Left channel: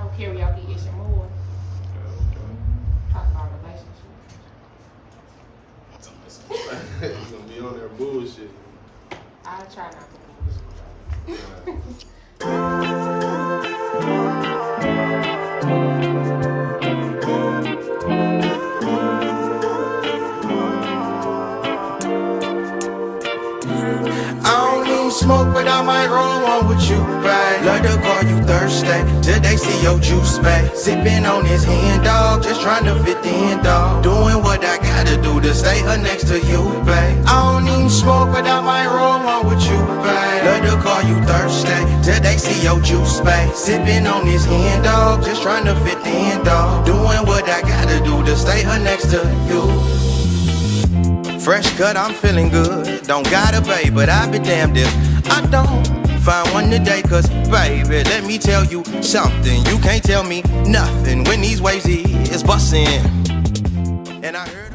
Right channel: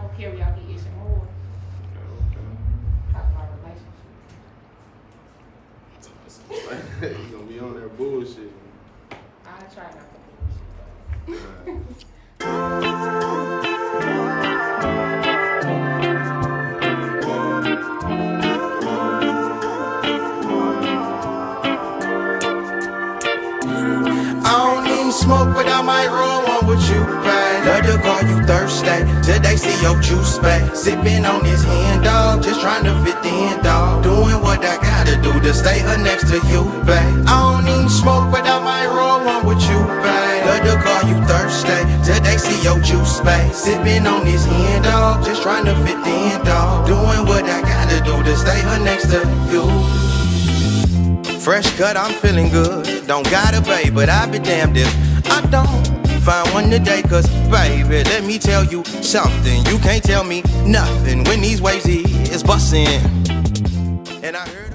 show, Karaoke Ish and More. Okay. Talk about relationships. You're gonna be on there bullshit. I try not to bullshit. Smoke, but I might roll one with you, babe. Love to call you Thursday, till they see your juice, babe. Sipping on this hand, dog, just trying to fit in, dog. Doing what I gotta do to stay her next to you, babe. I don't even smoke, but I might roll one with you, babe. Love to call you Thursday, till they see your juice, babe. Sipping on this hand, dog, just trying to fit in, dog. Doing what I gotta do to stay her next to you. Fresh cut, I'm feeling good. Don't got a babe, but I be damned if I don't find one today. Cause baby, let me tell you something. You can't tell me nothing when these waves is bustin'. And I heard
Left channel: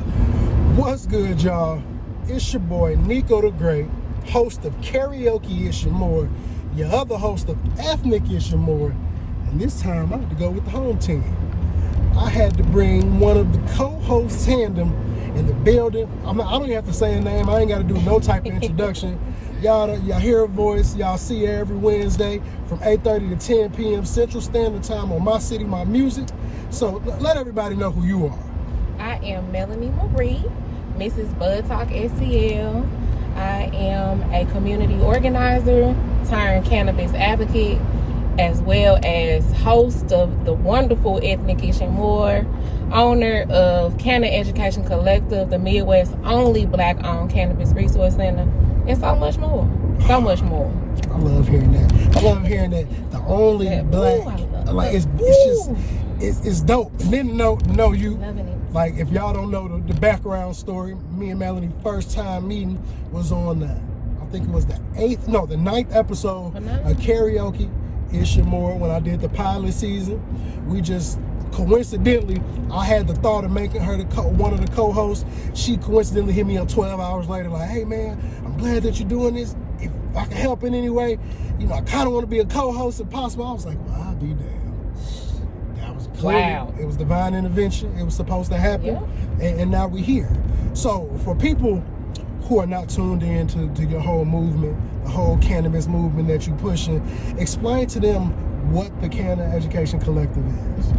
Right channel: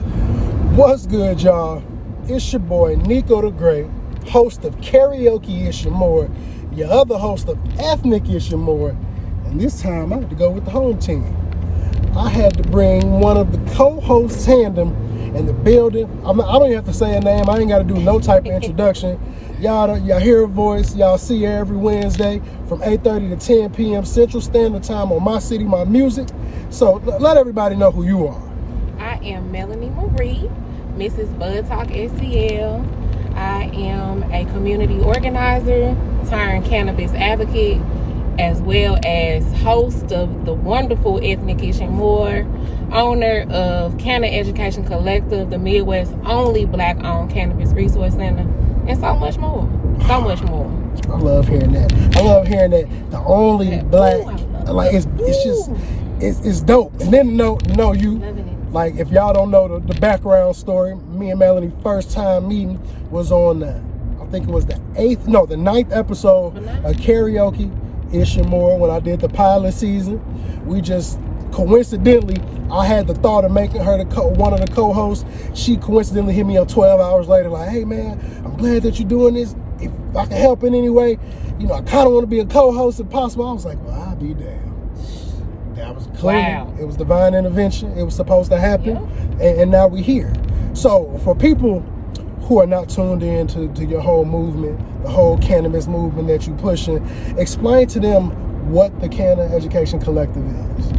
What's good, y'all? It's your boy NicoThaGreat, host of Karaoke Ish and More, your other host of Ethnic Ish and More. And this time I had to go with the home team. I had to bring one of the co-hosts tandem in the building. I don't even have to say a name. I ain't got to do no type of introduction. Y'all hear her voice. Y'all see her every Wednesday from 8:30 to 10 p.m. Central Standard Time on MyCityMyMusic. So let everybody know who you are. I am Melanie Marie, Mrs. BudTalkSTL. I am a community organizer turned cannabis advocate, as well as host of the wonderful Ethnic Ish and More, owner of Canna Education Collective, the Midwest's only Black-owned cannabis resource center, and so much more. So much more. I love hearing that. I love hearing that. The only Black, like it's just it's dope. And then know you, like if y'all don't know the background story, me and Melanie first time meeting was on I think it was the 9th episode of Karaoke Ish and More when I did the pilot season. We just coincidentally, I had the thought of making her one of the co-hosts. She coincidentally hit me up 12 hours later like, hey man, I'm glad that you're doing this. If I can help in any way, I kind of want to be a co-host if possible. I was like, well, I'll be damned. That was clear. Wow. It was divine intervention. It was supposed to happen. Yeah. And now we're here. So for people who are not tuned in to your whole movement, the whole cannabis movement that you're pushing, explain to them what the Canna Education Collective is.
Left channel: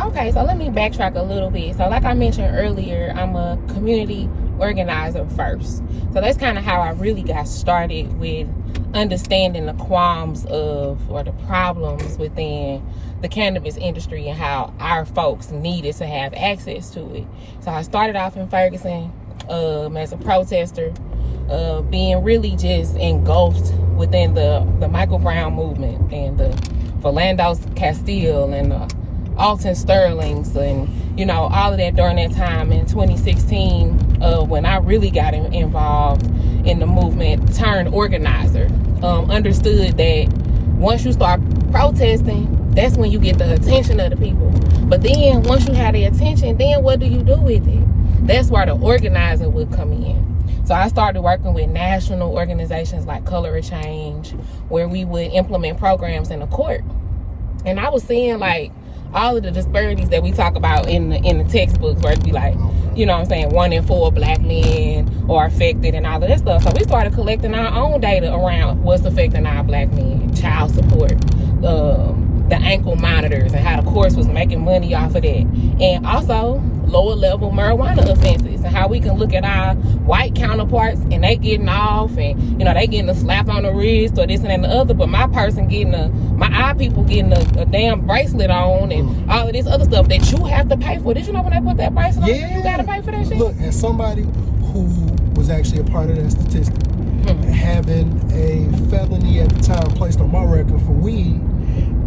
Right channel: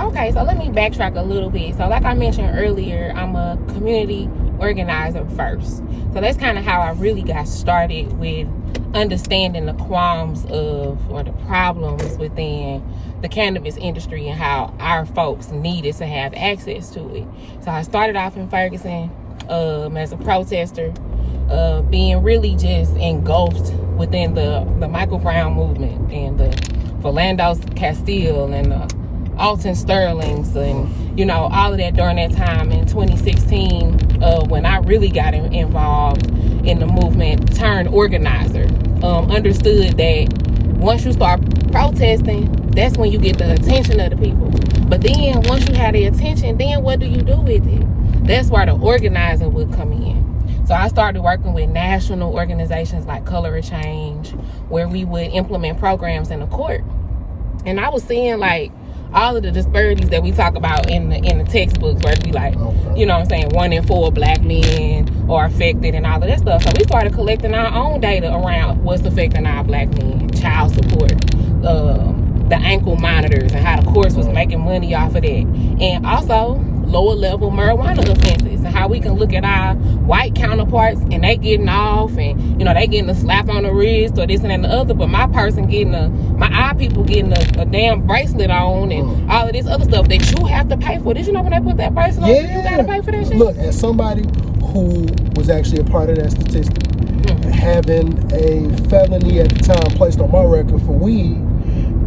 Okay, so let me backtrack a little bit. So like I mentioned earlier, I'm a community organizer first. So that's kind of how I really got started with understanding the qualms of, or the problems within the cannabis industry and how our folks needed to have access to it. So I started off in Ferguson as a protester, being really just engulfed within the Michael Brown movement and the Philando Castile and the Alton Sterlings and all of that during that time in 2016 when I really got involved in the movement, turned organizer. Understood that once you start protesting, that's when you get the attention of the people. But then once you have the attention, then what do you do with it? That's where the organizing would come in. So I started working with national organizations like Color of Change, where we would implement programs in the court. And I was seeing like all of the disparities that we talk about in the textbooks, where it be like, 1 in 4 Black men are affected and all of that stuff. So we started collecting our own data around what's affecting our Black men, child support, the ankle monitors, and how the courts was making money off of that. And also lower level marijuana offenses and how we can look at our white counterparts and they getting off and they getting a slap on the wrist or this and that and the other, but my person getting my eye people getting a damn bracelet on and all of this other stuff that you have to pay for. Did you know when they put that bracelet on, you gotta pay for that shit? Look, as somebody who was actually a part of that statistic, having a felony at the time placed on my record for weed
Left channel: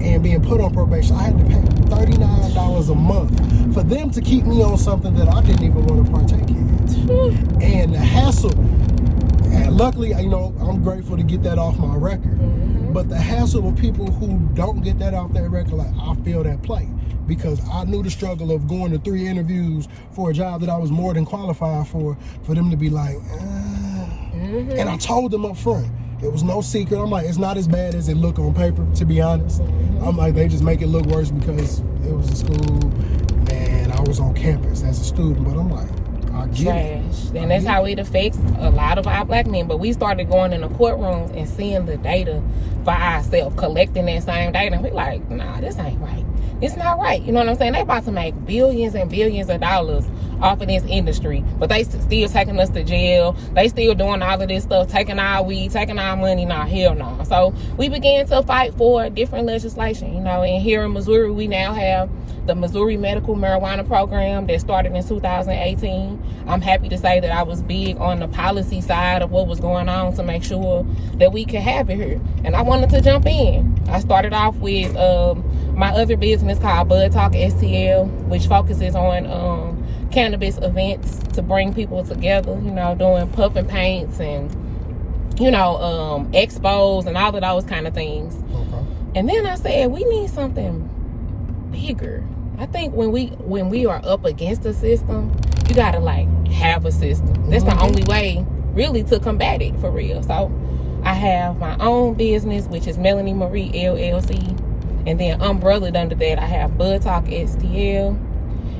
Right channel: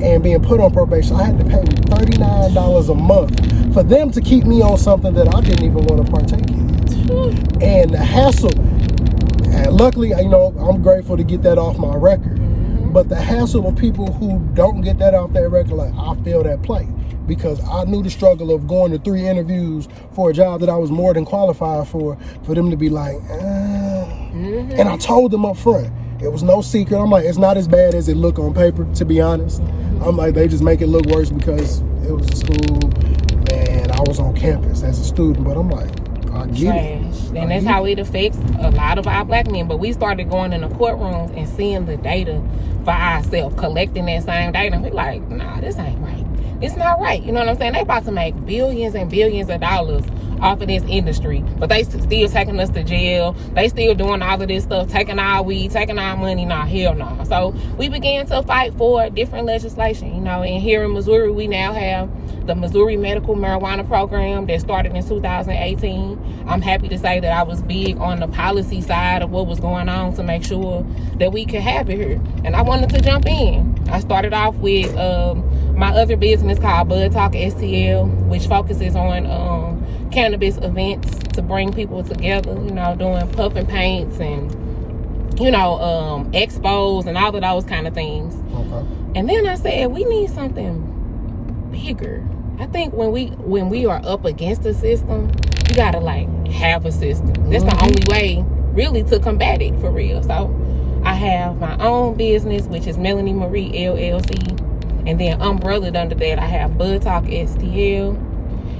and being put on probation, I had to pay $39 a month for them to keep me on something that I didn't even want to partake in. And the hassle, and luckily, I'm grateful to get that off my record. But the hassle of people who don't get that off their record, like, I feel that plight. Because I knew the struggle of going to 3 interviews for a job that I was more than qualified for them to be like, And I told them up front, it was no secret. I'm like, it's not as bad as it looked on paper, to be honest. I'm like, they just make it look worse because it was a school and I was on campus as a student. But I'm like, I get it. And that's how it affects a lot of our black men. But we started going in the courtrooms and seeing the data for ourselves, collecting that same data. And we're like, nah, this ain't right. It's not right. You know what I'm saying? They about to make billions and billions of dollars off of this industry, but they still taking us to jail. They still doing all of this stuff, taking our weed, taking our money. Nah, hell no. So we began to fight for different legislation, you know. And here in Missouri, we now have the Missouri Medical Marijuana Program that started in 2018. I'm happy to say that I was big on the policy side of what was going on to make sure that we could have it here. And I wanted to jump in. I started off with my other business called BudTalkSTL, which focuses on cannabis events to bring people together, you know, doing puff and paints and, you know, expos and all of those kind of things. Okay. And then I said, we need something bigger. I think when we are up against the system, you gotta like have a system. That's the only way really to combat it for real. So I have my own business, which is Melanie Marie LLC. And then umbrellaed under that, I have BudTalkSTL.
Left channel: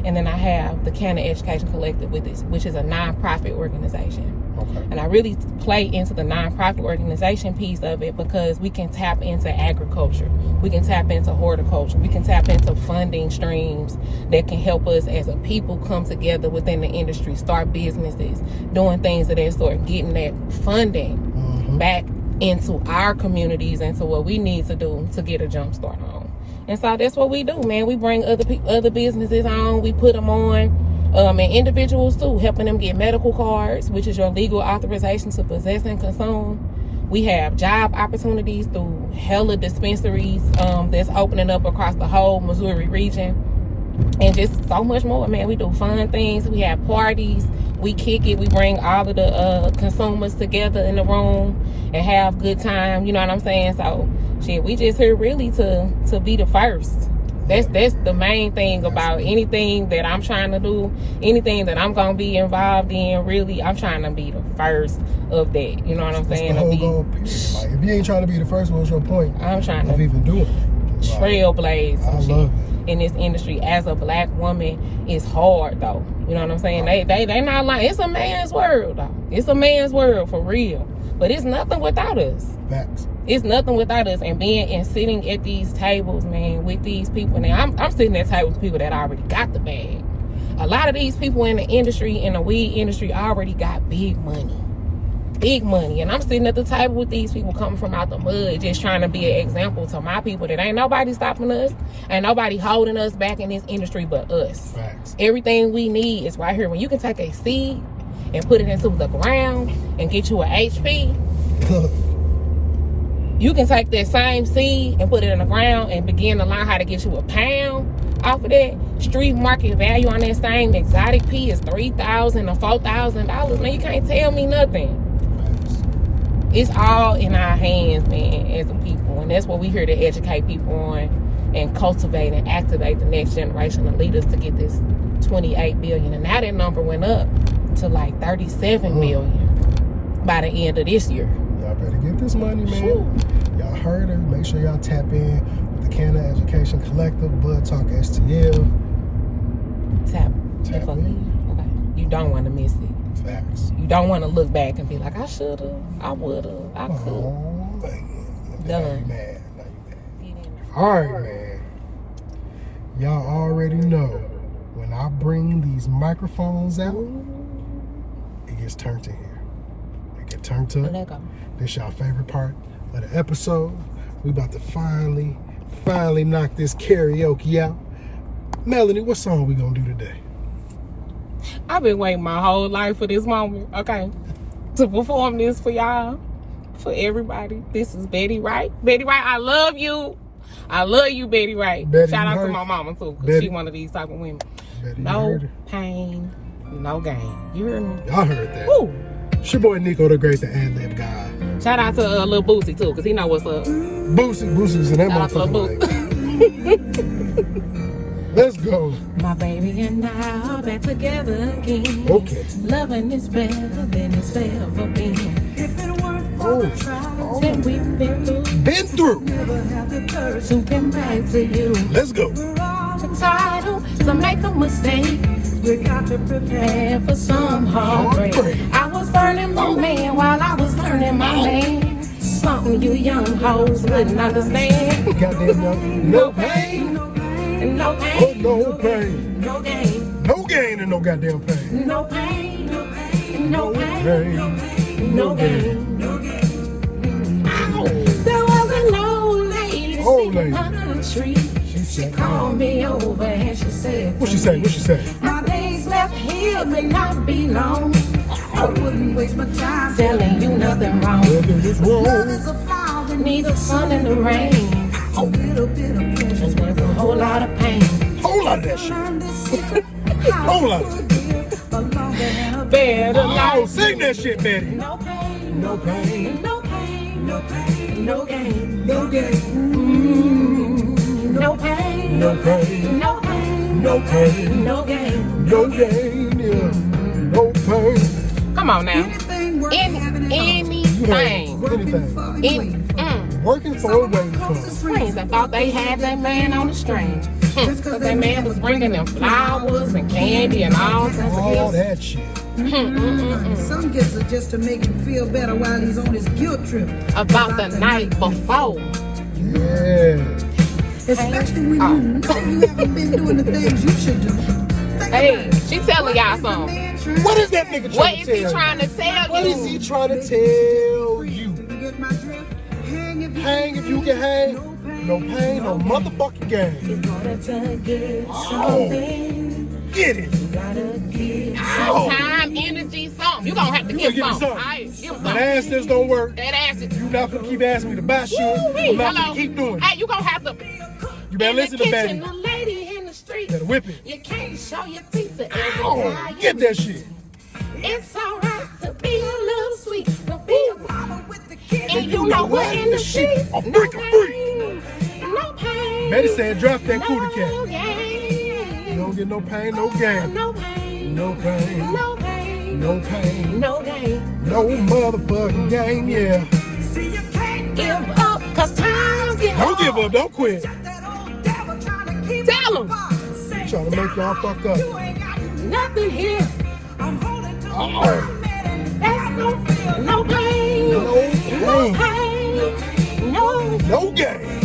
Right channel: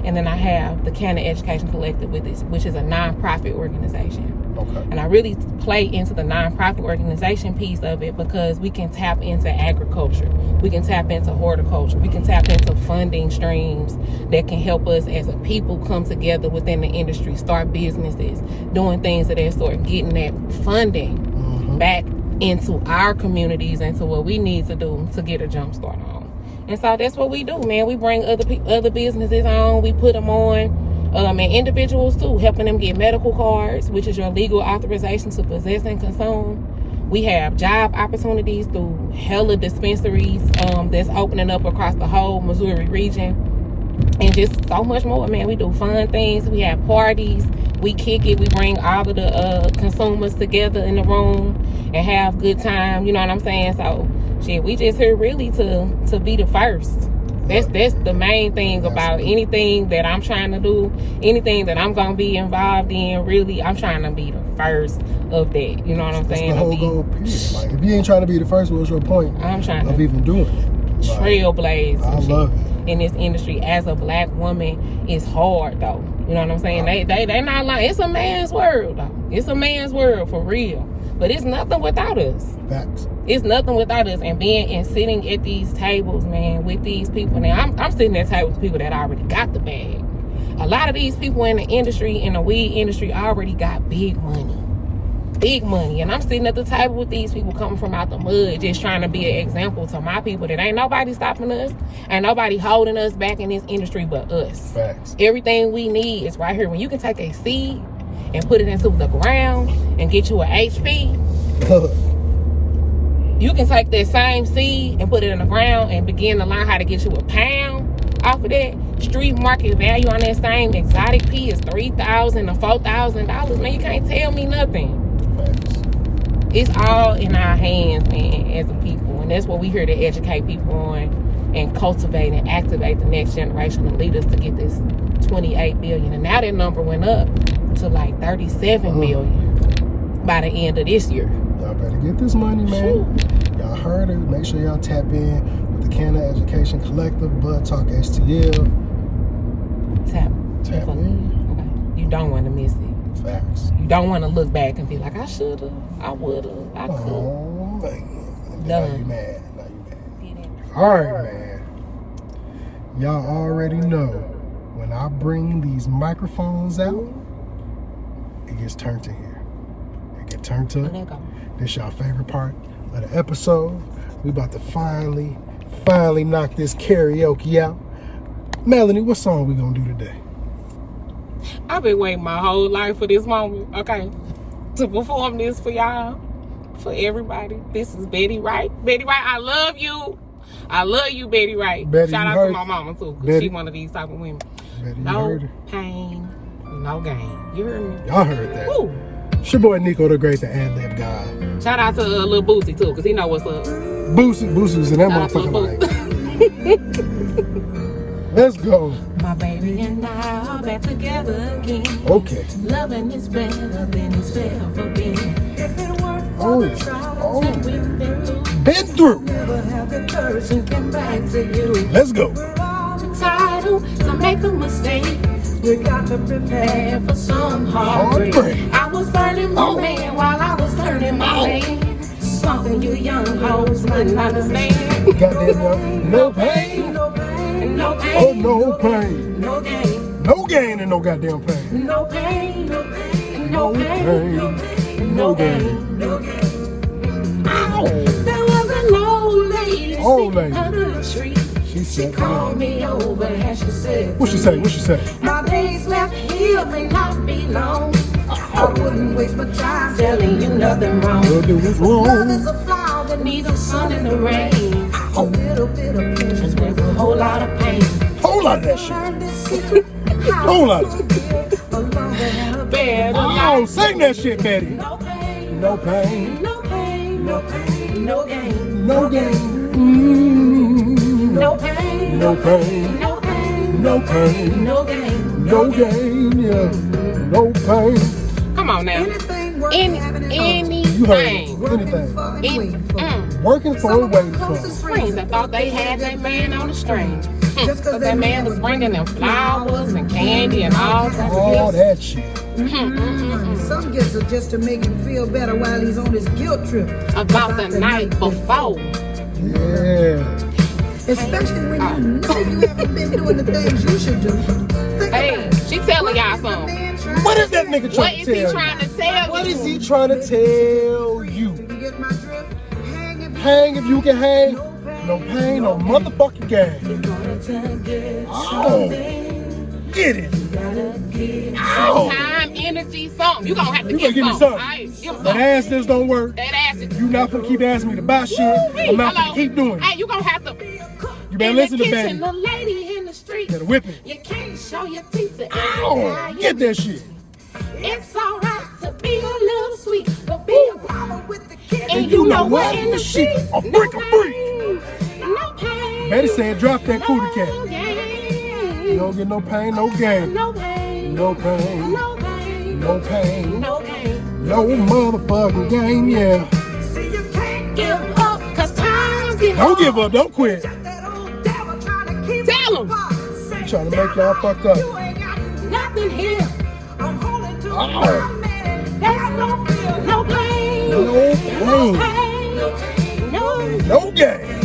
And then I have the Canna Education Collective, which is a nonprofit organization. Okay. And I really play into the nonprofit organization piece of it because we can tap into agriculture. We can tap into horticulture. We can tap into funding streams that can help us as a people come together within the industry, start businesses, doing things of that sort, getting that funding back into our communities and to what we need to do to get a jump start on. And so that's what we do, man. We bring other businesses on. We put them on, and individuals too, helping them get medical cards, which is your legal authorization to possess and consume. We have job opportunities through hella dispensaries that's opening up across the whole Missouri region, and just so much more, man. We do fun things. We have parties. We kick it. We bring all of the consumers together in the room and have good time. You know what I'm saying? So. Shit, we just here really to be the first. That's the main thing about anything that I'm trying to do, anything that I'm gonna be involved in. Really, I'm trying to be the first of that. You know what I'm saying? Like, if you ain't trying to be the first, what's your point? I'm trying to even doing it. Trailblaze. I love it. In this industry as a black woman, it's hard though. You know what I'm saying? They not like, it's a man's world though. It's a man's world for real. But it's nothing without us. Facts. It's nothing without us. And being and sitting at these tables, man, with these people. Now, I'm sitting at tables with people that already got the bag. A lot of these people in the industry, in the weed industry, already got big money. Big money. And I'm sitting at the table with these people coming from out the mud, just trying to be an example to my people that ain't nobody stopping us. Ain't nobody holding us back in this industry but us. Facts. Everything we need is right here. When you can take a seed and put it into the ground and get you an HP, you can take that same seed and put it in the ground and begin to learn how to get you a pound off of that. Street market value on that same exotic pea is $3,000 to $4,000. Man, you can't tell me nothing. It's all in our hands, man, as a people. And that's what we here to educate people on and cultivate and activate the next generation of leaders to get this 28 billion. And now that number went up to like 37 million by the end of this year. Y'all better get this money, man. Y'all heard it. Make sure y'all tap in with the Canna Education Collective, BudTalkSTL. Tap in. Okay. You don't want to miss it. Facts. You don't want to look back and be like, I should have, I would have, I could. Oh, man. Done. All right, man. Y'all already know when I bring these microphones out, it gets turned to here. It gets turned to it. This y'all favorite part of the episode. We about to finally knock this karaoke out. Melanie, what song we gonna do today? I've been waiting my whole life for this moment, okay, to perform this for y'all, for everybody. This is Betty Wright. Betty Wright, I love you. I love you, Betty Wright. Betty, shout out to my mama too, because she one of these type of women. Betty, no pain, no gain. You heard me? Y'all heard that. Woo. It's your boy NicoThaGreat, the ad-lib guy. Shout out to Lil Boosie too, because he know what's up. Boosie's in that motherfucker. Let's go. My baby and I are back together again. Okay. Loving is better than it's ever been. If it weren't for the trials been through. Never have the courage to come back to you. Let's go. We're all entitled to make a mistake. We got to prepare for some heartbreak. I was burning my man while I was turning my man. Something you young hoes couldn't understand. No pain. No pain. No pain. Oh, no pain. No gain. No gain and no goddamn pain. No pain. No pain. No pain. No pain. No gain. No gain. There was an old lady sitting under the tree. She called me over and she said, What she say? What she say? my days left here may not be long. I wouldn't waste my time telling you nothing wrong. Love is a flower that needs the sun and the rain. A little bit of pleasure's worth a whole lot of pain. Whole lot of that shit. Learn this secret. Whole lot. A longer and a better Oh, life. sing that shit, Betty. No pain. No pain. No pain. No pain. No gain. No gain. No pain. No pain. No pain. No pain. No gain. No gain. Yeah. No pain. Come on now. Anything worth having at home. Anything. Working for and waiting for. Working for Some a of the waiting for. closest Friends friends that thought they had that man on the string. just because That man was bringing them flowers and candy and all kinds of All gifts. that shit. Some gifts are just to make him feel better while he's on his guilt trip. About the night before. Yeah. Especially when you know you haven't been doing the things you should do. Think Hey, about it. she telling y'all What is the something. man trying What is that nigga What trying is to he tell trying you? to tell What you? is he trying to tell you? Do you get my drift? Hang if you can hang. No pain. No pain, no motherfucking game. Gotta get something. Get it. Gotta get Time, energy, something. You gonna have to You give gonna give me something. something. Alright, give My something. ass still don't work. That ass is. You not gonna keep asking me to buy shit. Woo-wee. I'm not Hello. gonna keep doing Hey, it. you gonna have to. You better In listen the to kitchen, Betty. the lady in the street. Gotta whip it. You can't show your teeth to every guy. Oh, get that shit. It's alright to be a little sweet, but be a mama with the kids. And you you know know what what? in the sheet? A No freak, a freak. pain, no pain. Betty said drop that cootie cat. No You gain. don't get no pain, no gain. No pain. No pain. No pain. No pain. No gain. No motherfucking gain, yeah. See, you can't Give up, cause times get Don't hard. give up, don't quit. that old devil trying to keep Tell us 'em. apart. Say, Trying to make y'all fuck up. you ain't got nothing here. I'm holding to Uh-oh. my man. There's no fear, no pain. No No pain. pain. No No gain.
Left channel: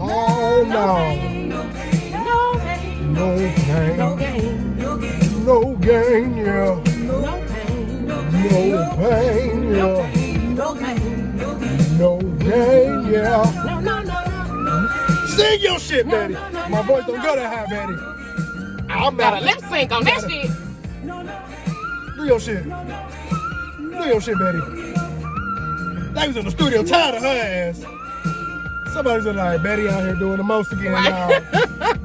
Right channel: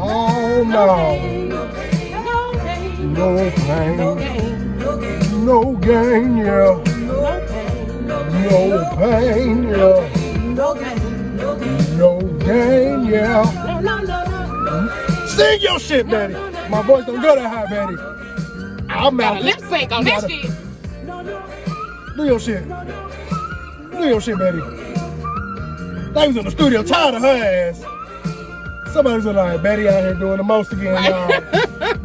Oh no. pain. No pain. No pain. No gain. No gain. No gain, yeah. No pain. No No pain, yeah. No gain. No gain. No gain, yeah. No, no, no, no. Sing your shit, Betty. My voice don't go that high, Betty. I'm Got mad a lip sync on that shit. No, no. Do your shit. No, no. Do your shit, Betty. They was in the studio tired of her ass. Somebody's like, Betty out here doing the most again, y'all.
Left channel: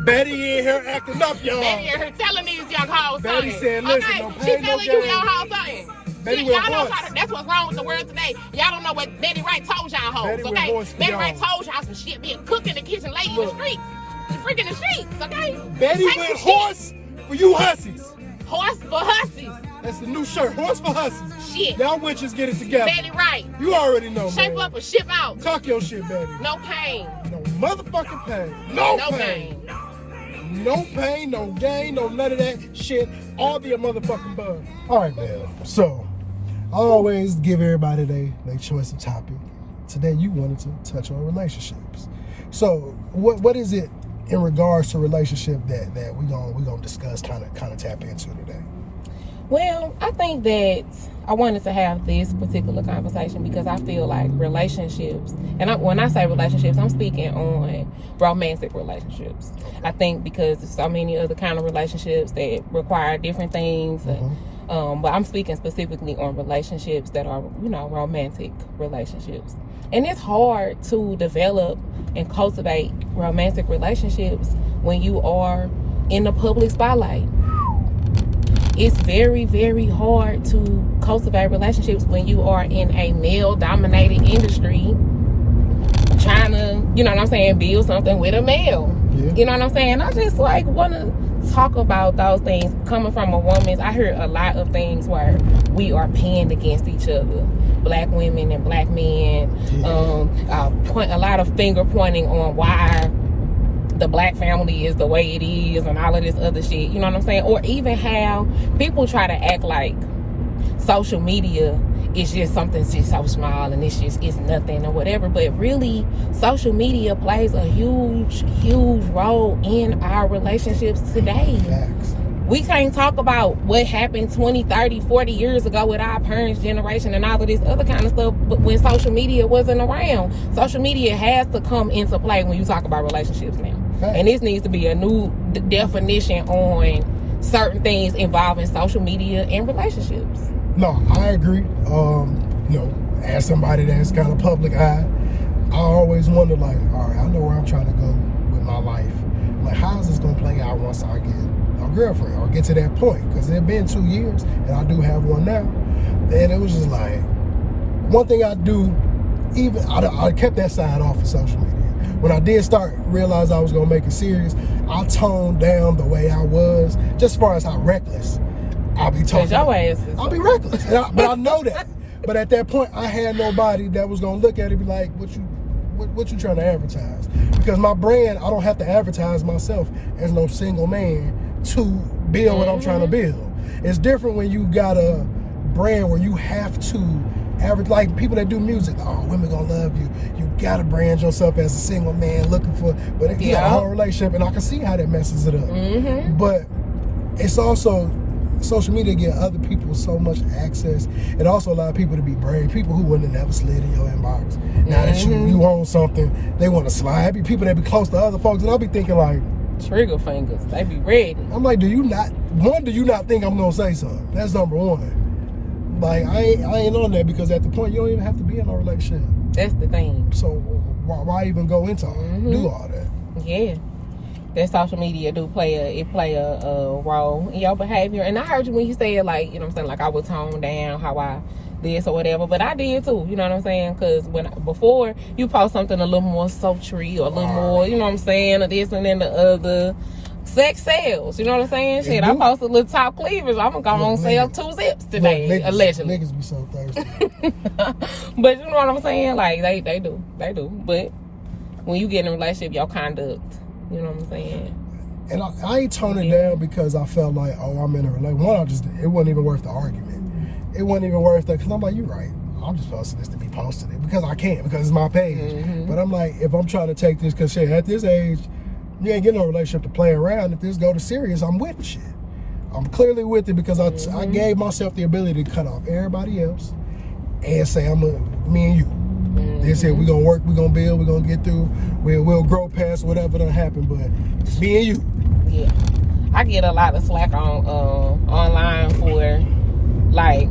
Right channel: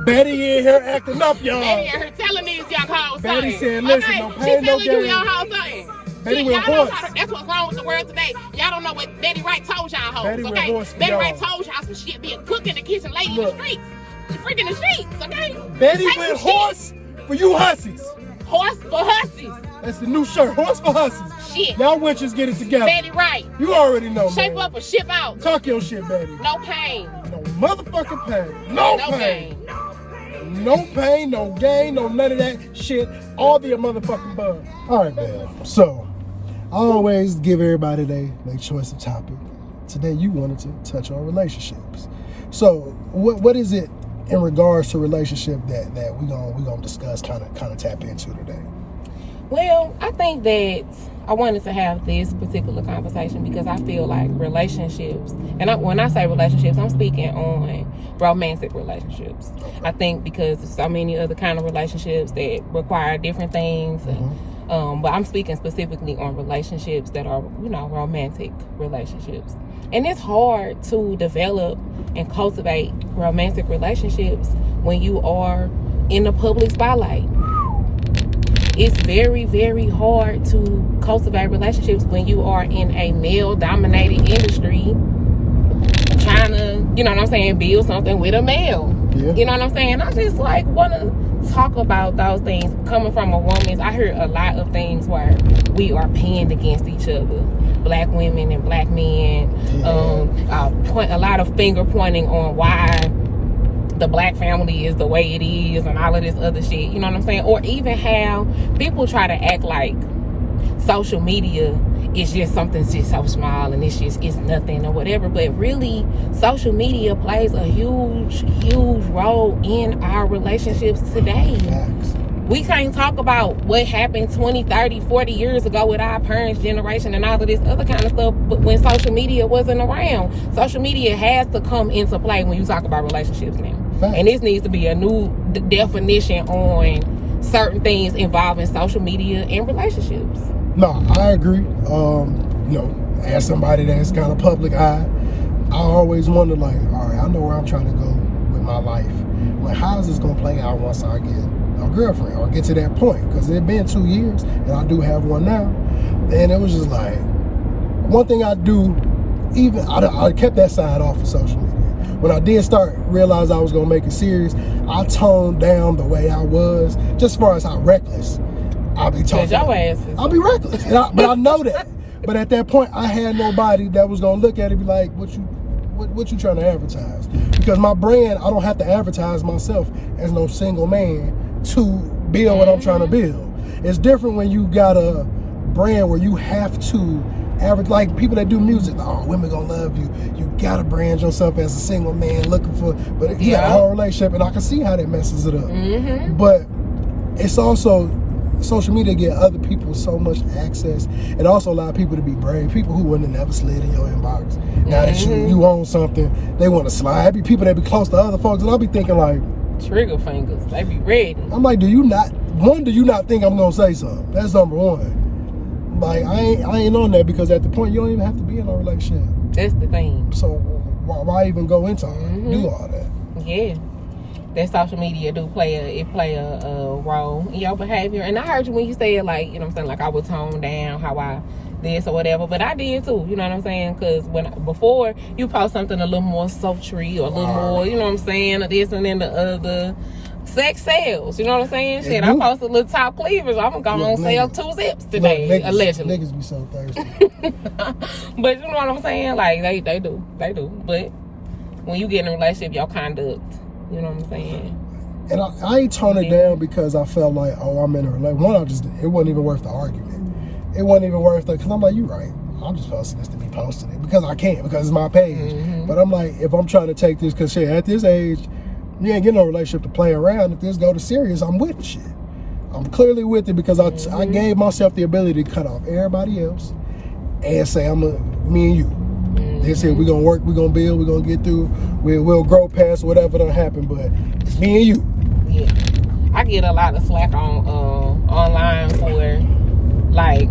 Betty in here acting up, y'all. Betty in here telling these young hoes Betty something. said, listen, Okay, no she pain, no telling you gain. young hoes something. Betty See, with y'all don't voice. try to, that's what's wrong with the world today. Y'all don't know what Betty Wright told y'all hoes, Betty with okay? voice for Betty y'all. Wright told y'all some shit being cooked in the kitchen, laid in the Look. streets. Freaking the sheets, okay? Betty Take went some shit. horse for you hussies. Horse for hussies. That's the new shirt, horse for hussies. Shit. Y'all witches get it together. Betty Wright. You already know, Shape man. up or ship out. Talk your shit, Betty. No pain. No motherfucking pain. No No pain. gain. No pain, no gain, no none of that shit. All be a motherfucking bug. All right, man. So, I always give everybody their choice of topic. Today, you wanted to touch on relationships. So, what is it in regards to relationship that we gonna discuss, kind of tap into today? Well, I think that I wanted to have this particular conversation because I feel like relationships, and when I say relationships, I'm speaking on romantic relationships. I think because there's so many other kind of relationships that require different things, but I'm speaking specifically on relationships that are, romantic relationships. And it's hard to develop and cultivate romantic relationships when you are in the public spotlight. It's very, very hard to cultivate relationships when you are in a male-dominated industry trying to, build something with a male. Yeah. You know what I'm saying? I just want to talk about those things coming from a woman, I heard a lot of things where we are pinned against each other. Black women and black men. A lot of finger pointing on why the black family is the way it is and all of this other shit. You know what I'm saying? Or even how people try to act like social media is just something just so small and it's nothing or whatever. But really, social media plays a huge role in our relationships today. We can't talk about what happened 20, 30, 40 years ago with our parents' generation and all of this other kind of stuff, but when social media wasn't around. Social media has to come into play when you talk about relationships now. And this needs to be a new definition on certain things involving social media and relationships. No, I agree. As somebody that's kind of public eye, I always wonder, like, all right, I know where I'm trying to go with my life. Like, how is this going to play out once I get a girlfriend or get to that point? Because it's been 2 years, and I do have one now. And it was just like, one thing I do, I kept that side off of social media. When I did start realize I was going to make it serious, I toned down the way I was, just as far as how reckless I'll be talking. I'll be reckless, but I know that. But at that point, I had nobody that was gonna look at it and be like, "What you trying to advertise?" Because my brand, I don't have to advertise myself as no single man to build what I'm trying to build. It's different when you got a brand where you have to average, like people that do music. Like, oh, women gonna love you. You gotta brand yourself as a single man looking for. But you got a whole relationship, and I can see how that messes it up. Mm-hmm. But it's also. Social media give other people so much access, and also allow people to be brave. People who wouldn't have never slid in your inbox. Now that you own something, they want to slide. Be people that be close to other folks, and I'll be thinking like, trigger fingers, they be ready. I'm like, do you not think I'm gonna say something? That's number one. Like I ain't on that, because at the point you don't even have to be in a relationship. That's the thing. So why even go into it? Do all that? Yeah. That social media do play a role in your behavior. And I heard you when you said, like, you know what I'm saying, like I would tone down how I this or whatever, but I did too, you know what I'm saying? Because before you post something a little more sultry or a little more, you know what I'm saying, or this and then the other, sex sells, you know what I'm saying? Shit, I posted a little top cleavage, I'm gonna sell 2 zips today, allegedly. Niggas be so thirsty. But you know what I'm saying? Like they do. But when you get in a relationship, your conduct, you know what I'm saying? And I ain't tone it down because I felt like, oh, I'm in a relationship. It wasn't even worth the argument. It wasn't even worth that, because I'm like, you're right. I'm just posting this to be posting it because I can, because it's my page. But I'm like, if I'm trying to take this, because shit, at this age, you ain't getting no relationship to play around. If this go to serious, I'm with shit. I'm clearly with it, because I gave myself the ability to cut off everybody else and say, me and you. They said, we're going to work, we're going to build, we're going to get through, we'll grow past whatever done happen, but it's me and you. Yeah. I get a lot of slack on online for, like,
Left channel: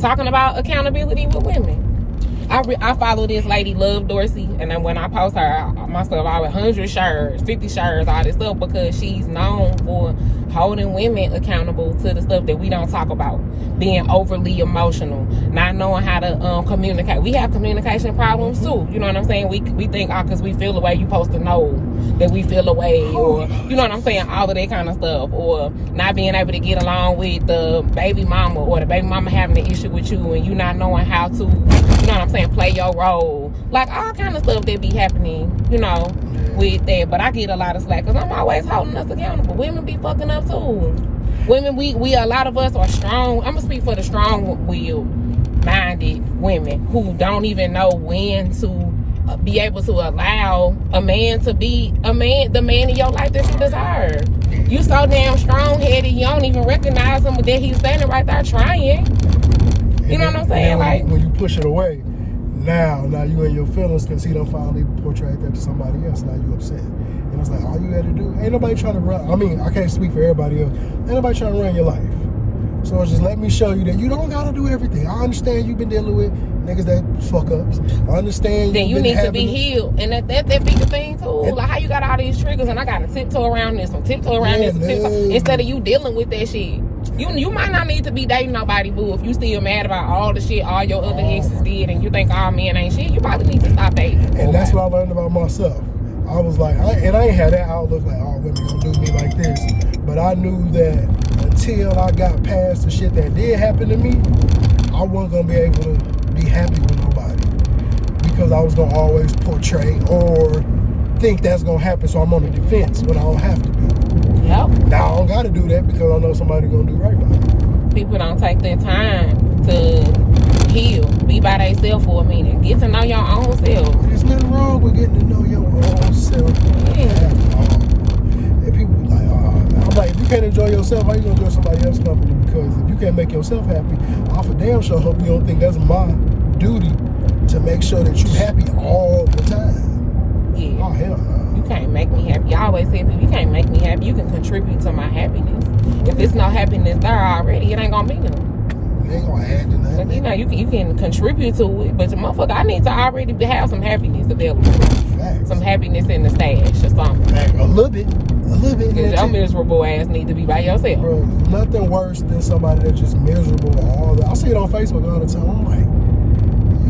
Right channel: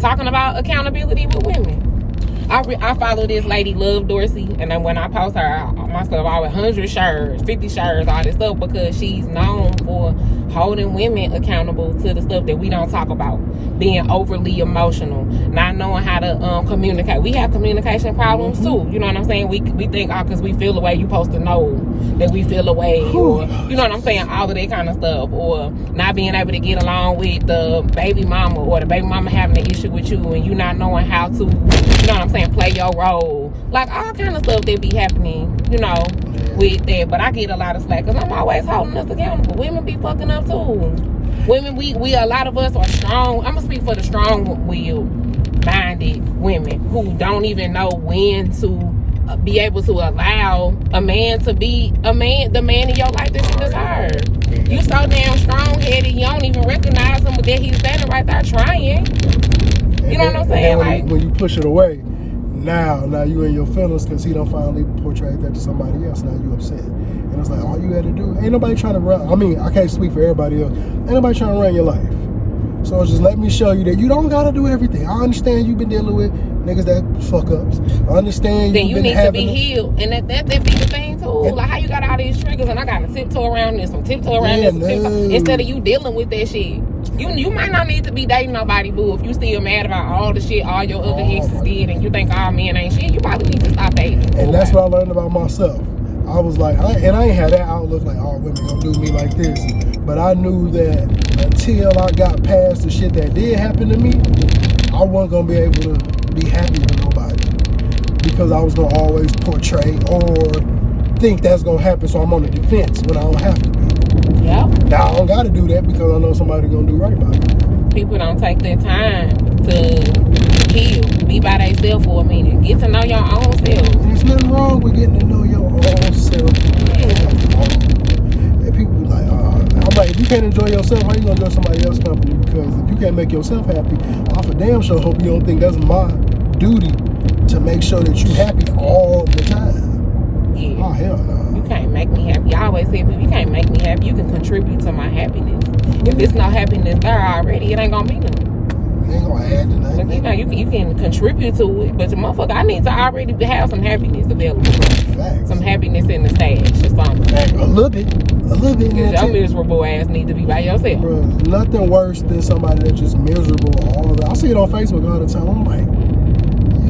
talking about accountability with women. I follow this lady, Love Dorsey, and then when I post her, my stuff, I have 100 shares, 50 shares, all this stuff, because she's known for holding women accountable to the stuff that we don't talk about. Being overly emotional, not knowing how to communicate. We have communication problems too. You know what I'm saying? We think, because we feel the way, you supposed to know that we feel away, or you know what I'm saying? All of that kind of stuff, or not being able to get along with the baby mama, or the baby mama having an issue with you, and you not knowing how to, you know what I'm saying, play your role. Like all kind of stuff that be happening, you know, with that. But I get a lot of slack because I'm always holding us accountable. Women be fucking up too. Women, we a lot of us are strong. I'm gonna speak for the strong-willed, minded women who don't even know when to be able to allow a man to be the man in your life that you deserve. You so damn strong-headed, you don't even recognize him, but then he's standing right there trying. You know what I'm saying? Like when you push it away, now you in your feelings because he done finally portrayed that to somebody else. Now you upset. And it's like, all you had to do, ain't nobody trying to run. I mean, I can't speak for everybody else. Ain't nobody trying to run your life. So it's just let me show you that you don't gotta do everything. I understand you've been dealing with niggas that fuck ups. I understand then you need to be healed. And that be the thing too. Like how you got all these triggers and I gotta tiptoe around this one, tiptoe around this one, instead of you dealing with that shit. You might not need to be dating nobody, boo, if you still mad about all the shit all your other exes did and you think all men ain't shit. You probably need to stop dating. And that's what I learned about myself. I was like, I ain't had that outlook like, oh, women gonna do me like this. But I knew that until I got past the shit that did happen to me, I wasn't gonna be able to be happy with nobody. Because I was gonna always portray or think that's gonna happen, so I'm on the defense when I don't have to be. Yep. Now I don't gotta do that because I know somebody's gonna do right by me. People don't take their time to heal, be by themselves for a minute, get to know your own self. And there's nothing wrong with getting to know your own self. And people be like, I'm like, if you can't enjoy yourself, how you gonna enjoy somebody else's company? Because if you can't make yourself happy, off a damn show, hope you don't think that's my duty to make sure that you happy all the time. Yeah. Oh, hell no. You can't make me happy. I always say, you can't make me happy. You can contribute to my happiness. If there's no happiness there already, it ain't gonna be nothing. You ain't gonna add to that. You know, you can contribute to it, but the motherfucker, I need to already have some happiness available. Facts. Some happiness in the stash or something. A little bit. Because your miserable ass need to be by yourself. Bro, nothing worse than somebody that's just miserable all the. I see it on Facebook all the time. I'm like,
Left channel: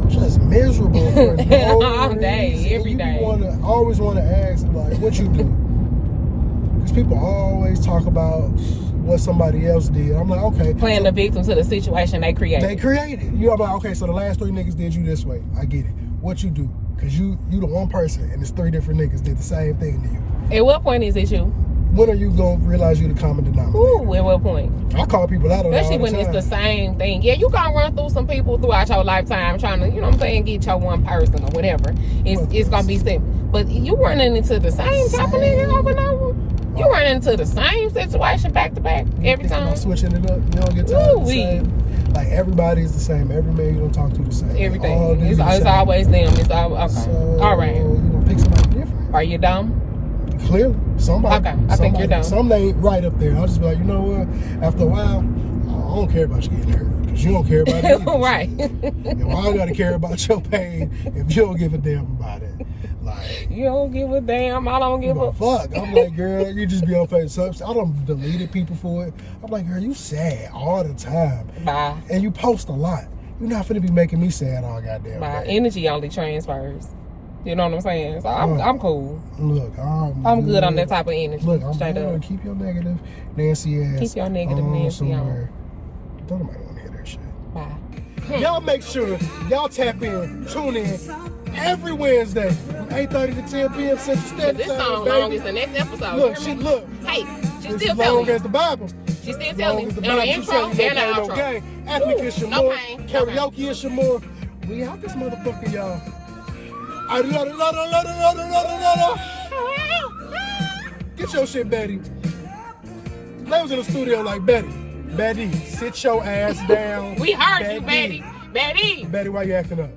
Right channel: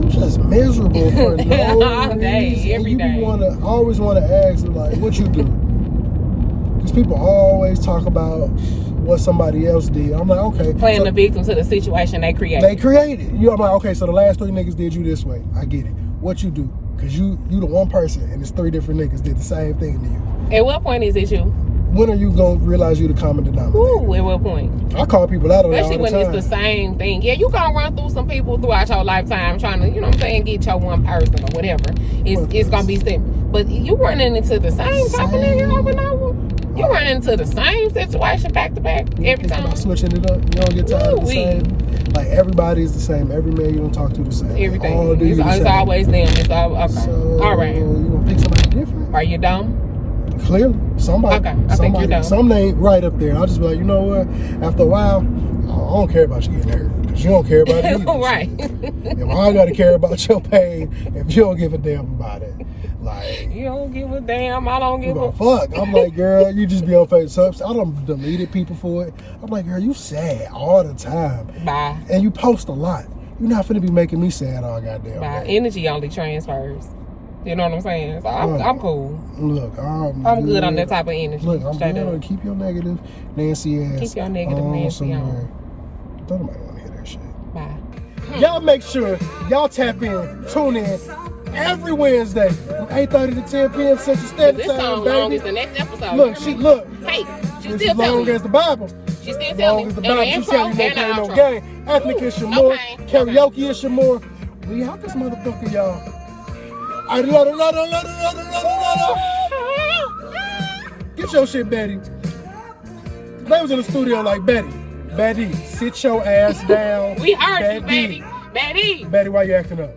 you just miserable for no all day, reason. every You day. always want to ask, like, what you do? Because people always talk about what somebody else did. I'm like, okay. Playing so the victim to the situation they created. they created. I'm like, okay, so the last 3 niggas did you this way. I get it. What you do? Because you the one person and it's 3 different niggas did the same thing to you. At what point is it you? When are you going to realize you the common denominator? Ooh, at what point? I call people out on that all Especially the when time. it's the same thing. Yeah, you gonna run through some people throughout your lifetime trying to, you know what I'm saying, get your one person or whatever. It's gonna be simple. But you running into the same type of nigga over and over. You run into the same situation back to back every time. I'm switching it up. You don't get tired of the same. Like everybody's the same. Every man you don't talk to the same. Everything. All dudes the It's same. always them. It's all okay. So, All right. You gonna pick somebody different? Are you dumb? Clearly, somebody. Okay, I think you're dumb. Something ain't right up there. I'll just be like, you know what? After a while, I don't care about you getting hurt because you don't care about it. Right. And I gotta care about your pain if you don't give a damn about it. Like, You don't give a damn. I don't give a fuck. I'm like, girl, you just be on Facebook. I done deleted people for it. I'm like, girl, you sad all the time. Bye. And you post a lot. You're not finna be making me sad all goddamn My day. energy only transfers. You know what I'm saying? So I'm cool. Look, I'm good on that type of energy. Look, I'm Straight good up. to keep your negative Nancy ass. Keep your negative Nancy somewhere. Don't nobody want to hear that shit. Bye. Y'all make sure y'all tap in, tune in every Wednesday, 8:30 to 10 p.m. Central Standard This Time. song long baby. as the next episode. Look, she look. Hey, she's It's still as long telling me. as the Bible. She's still As telling long me. as the And Bible, the you intro tell and you the no pain, no outro. gain. Ethnic is No Shamor. pain, no Karaoke is Shamor. We out this motherfucker, y'all. I love it. Get your shit, Betty. They was in the studio like, Betty, sit your ass down. We heard you, Betty. Betty. Betty, why you acting up?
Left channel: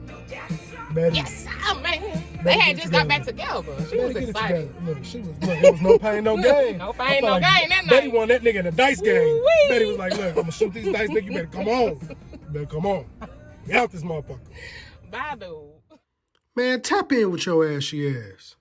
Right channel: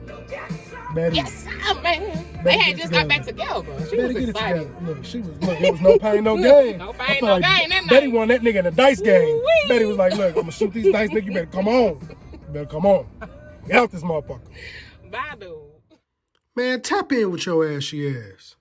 Betty. Yes, man. They had just got back together. She was Betty, get it excited. together. Look, there was no pain, no gain. No I pain, no felt like gain that Betty night. won that nigga in a dice game. Ooh-wee. Betty was like, look, I'm gonna shoot these dice, nigga. You better come on. You better come on. Get out this motherfucker. Bye, dude. Man, tap in with your ashy ass.